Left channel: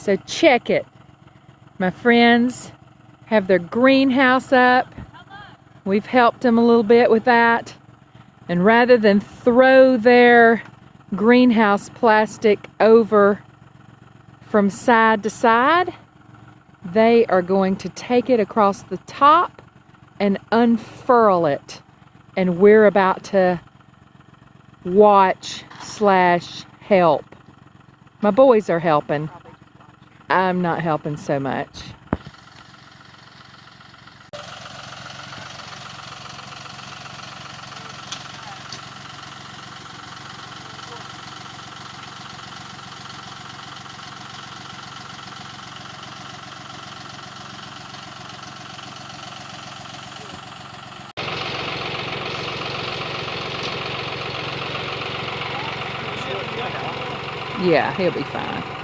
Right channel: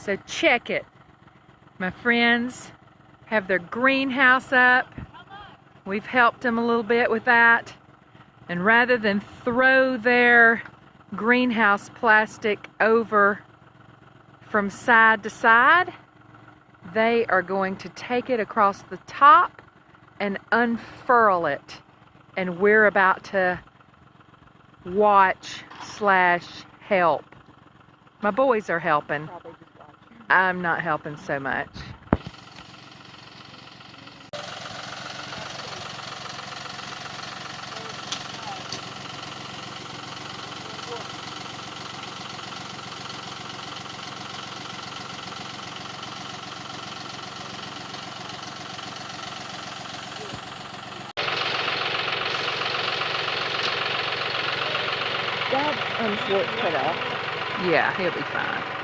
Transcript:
So check it. My friends have their greenhouse up. We've helped them a little bit with that. And rather than throw their greenhouse plastic over from side to side, they are going to take it across the top and unfurl it. And we're about to watch / help. My boys are helping. I'm not helping so much. Yeah, he'll be fine.